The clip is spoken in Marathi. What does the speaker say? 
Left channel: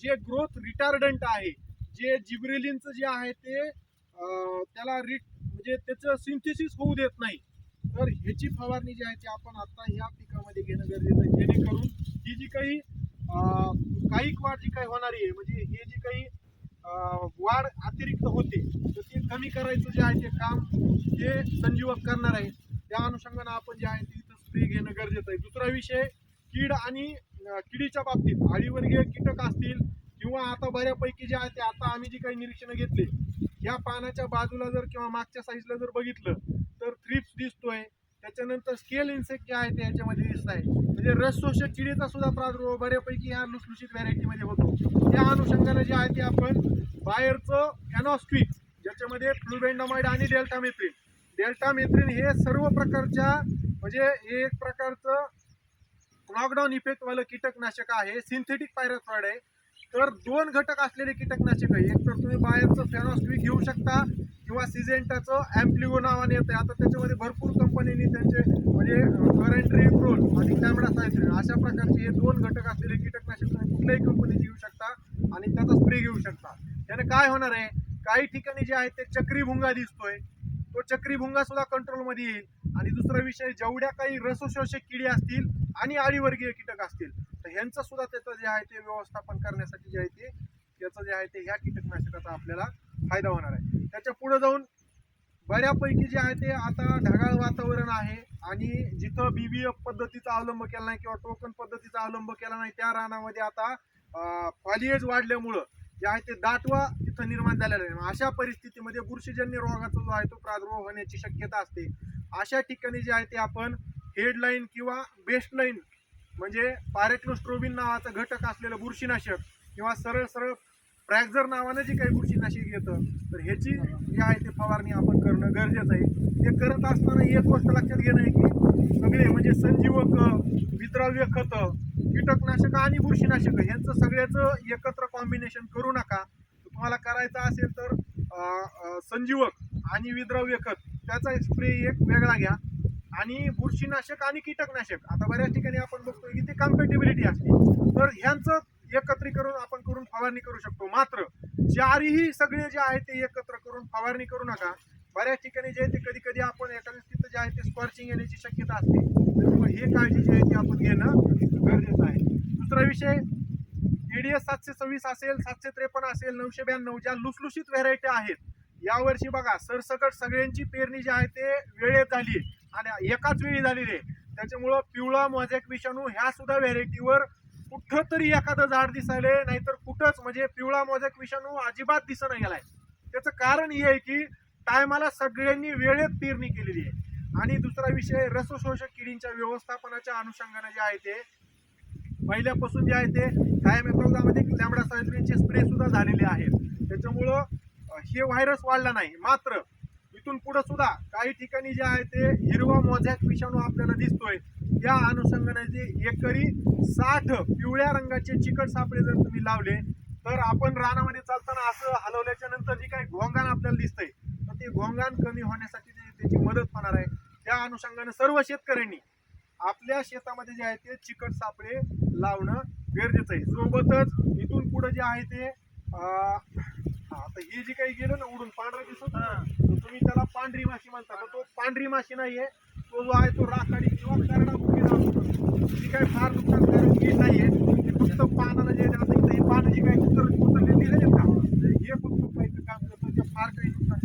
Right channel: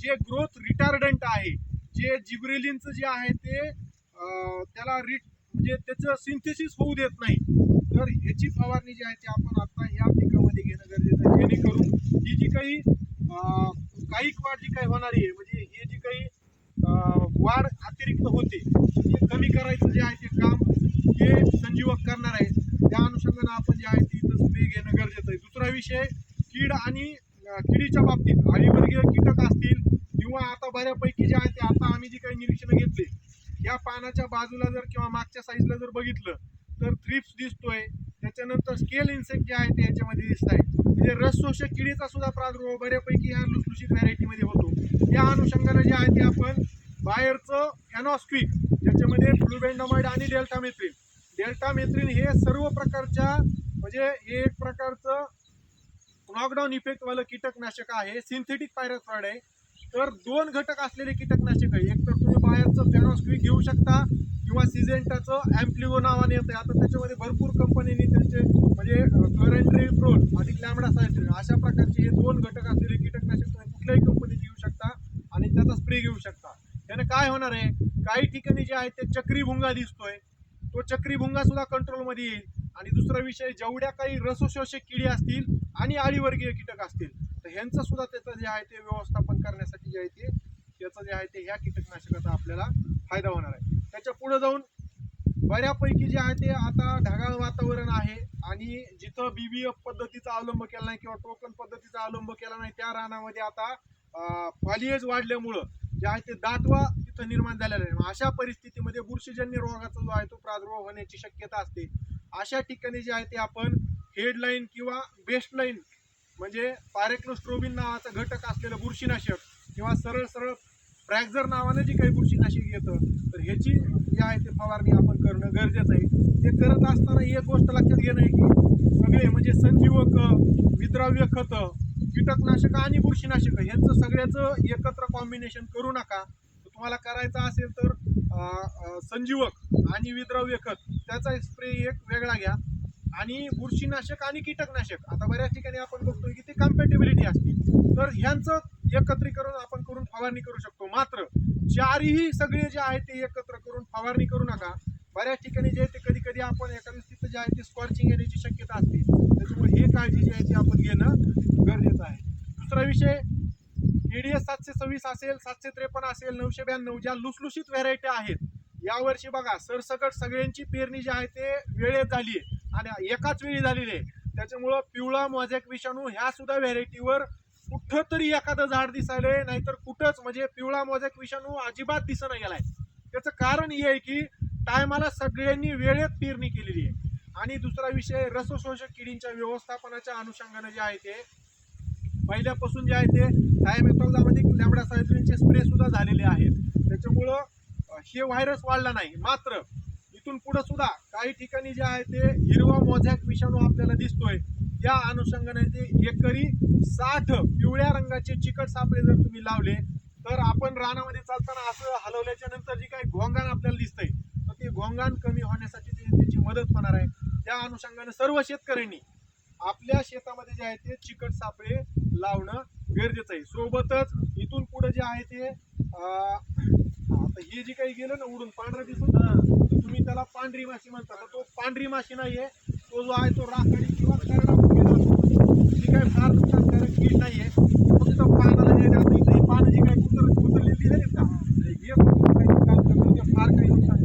जे ग्रोथ रिटार्डंट आहे जे जिब्रेलिनचं जे आहे ते त्याला रिट म्हणजे त्याचं सिंथेसिस होऊ देत नाही. तर ह्याची फवारणी जी आहे ती आपण आता ह्या पिकामध्ये घेणं गरजेचं आहे. जेणेकरून ही जी काही काही वाढ जी काही होणारी आहे म्हणजे हे जी काही वाढ अतिरिक्त होते तर कमी करायचं जे आहे ते काम हे संजीवक करणार आहे त्या अनुषंगानं आपण जे आहे ते इथं स्प्रे घेणं गरजेचं आहे. दुसरा विषय कीड आणि किडीच्या बाबतीत आळीवर्गीय कीटक असतील किंवा आता बऱ्यापैकी जे आहे ते आता आम्ही जी काही निरीक्षणं घेतली या पानाच्या बाजूला जर किंवा मागच्या साईजला जर बघितलं तर थ्रिप्स दिसतोय. त्याच्यानंतर स्केल इन्सेक्ट जे आहे ते याच्यामध्ये दिसत आहे म्हणजे रसशोषक किडीचा सुद्धा प्रादुर्भाव बऱ्यापैकी ह्या लुसलुशीत व्हरायटीमध्ये होतो. त्या अनुषंगाने जे आहे ते आपण बाहेरचं फॅनॉस्क्विक ज्याच्यामध्ये फ्लुबेंडामाइड आणि डेल्टामेथ्रिन डेल्टामेथ्रिन हे सर्व प्रकारच्या म्हणजे हे एक प्रकारचं नॉकडाऊन इफेक्टवालं कीटकनाशक आहे. सिंथेटिक पायरथ्रॉइड आहे. तर दोन घटक असलेले कीटकनाशक आहे. एक तर तुम्ही बाहेरचं फॅनॉस्क्विक घेऊ शकता किंवा सिजेंटाचं ॲम्प्लिगो नावाने येतं आता त्याच्यामध्ये भरपूर कंपनीने त्यांचे म्हणजे करंट्री प्रोल आणि लॅमडा सायथ्रिन अशा प्रकारचे हे दोन घटक असलेले कीटकनाशक तुम्ही कुठल्याही कंपनीचे घेऊ शकता आणि त्याचा स्प्रे घेऊ शकता. त्याने काय होणार आहे? काही ठिकाणी जे आहे ते चक्रीभुंगा दिसतोय. तो चक्रीभुंगा सुद्धा कंट्रोलमध्ये येईल. आणि दुसरा विषय जेवढ्या काही रसोशोषक किडी असतील आणि आळीवर्गीय कीटक असतील तर ह्यांचं सुद्धा त्याचं जे आहे ते व्यवस्थापन करण्यासाठी जे आहे ते त्याचं जे आहे ते ह्या कीटकनाशकाचा आपल्याला फायदा होणार आहे. त्याच्या पुढे जाऊन बऱ्यापैकी जे आहे ते आता ढगाळ वातावरण आहे आणि जिथं बीबीएफ पद्धतीचा अवलंब केला नाही किंवा टोकन पद्धतीचा अवलंब केला नाही त्या रानामध्ये आता फॉलिएज वाढल्यामुळं जे आहे ते दाटवा तिथं निर्माण झालेला आहे. मग अशा परिस्थितीमध्ये बुरशीजन्य रोगाचा जो आहे तो प्रादुर्भाव होण्याची शक्यता असते. अशा ठिकाणी जे आहे ते आपण हेडलाईन किंवा बेस्टलाईन म्हणजे पारेक्लोस्ट्रोबिन नावाचा घटक असलेलं बुरशीनाशक किंवा सरळ सरळ फ्रॅक्झर नावानं जी काही बुरशीनाशक येतं तर ह्याची जी आहे ते फवारणी आपण करणं गरजेचं आहे. ते करत असताना एक गोष्ट लक्षात घेणं आहे की सगळे म्हणजे संजीवक विद्राव्य खतं कीटकनाशक आणि बुरशीनाशक ह्यांचं सगळ्याचं एकत्र कॉम्बिनेशन करू नका. तुम्हाला करायचं असेल तर संजीवक आणि विद्राव्य खत त्याचा स्प्रे एक वेगळा घ्या. आणि बुरशीनाशक आणि कीटकनाशक. आता बऱ्याच ठिकाणी आपण बघतोय की ते कम्पॅटेबिलिटी असते. तर ह्यांचं एकत्रीकरण आपण करून फवारणी करू शकतो. मात्र चारही सगळे जे आहे ते एकत्र करून फवारणी करू नका. बऱ्याच ठिकाणी जे आहे ते कधी कधी आपण एखाद्या तिथं जे आहे ते स्कॉर्चिंग येण्याची शक्यता असते. त्याच्यामुळे हे काळजी जी आहे ती आपण घेणं गरजेचं आहे. दुसरा विषय एडीएस सातशे सव्वीस असेल सातशे त्रेपन्न असेल नऊशे ब्याण्णव ज्या लुसलुशीत व्हरायटी आहेत यावर्षी बघा सरसकट सगळ्यांची पेरणी जी आहे ते वेळेत झाली आहे. आणि एकाच वेळी झालेली आहे. त्याच्यामुळं पिवळा मोझॅक विषाणू ह्या सुद्धा व्हेरायटीवर कुठं तरी एखादं झाड दिसायले नाहीतर कुठंच म्हणजे पिवळा मोझॅक विषाणू अजिबात दिसणं गेलाय त्याचं कारण हे आहे की टायमाला सगळ्यांनी वेळेत पेरणी केलेली आहे. आणि दुसरा विषय रसशोषक किडींच्या व्यवस्थापनाच्या अनुषंगाने जे आहे ते पहिल्यापासून जे आहे ते थायमेथॉक्झामध्ये लॅमडा सायट्रिनचे स्प्रे सुद्धा झालेले आहेत. त्याच्यामुळं हे व्हायरस वाढला नाही. मात्र इथून पुढे सुद्धा काही ठिकाणी जे आहे ते हिरवा मोझॅक विषाणू आपल्याला दिसतोय. या अनुषंगाने एकरी साठ पिवळ्या रंगाचे चिकट सापळे जर तुम्ही लावले तर आपण रानामध्ये चालताना असं हलवल्याच्या नंतर जे काही घोंगाण आपल्याला दिसतंय तर ते घोंगाण कमी होण्यासाठी त्याची मदत होणार आहे. त्या अनुषंगाने सर्व शेतकऱ्यांनी आपल्या शेतामध्ये जे आहे ते चिकट सापळे लावणं गरजेचं आहे. सोबतच इथून पुढे जे आहे ते आता हे जे काही गेलं ना उडून पांढरा दिसून पांढरी माशी म्हणतात. तो पांढरी माशी नाहीये. तो जो आहे तो राखाडी किंवा करडामुखी राहतो ती काही फार नुकसानकारक कीड नाहीये. ते फक्त पानाला जे राहतं इथे. पानं जी काही कुतर कुतरलेली आहेत का हे फक्त काही काम करतो ते फार काही नुकसान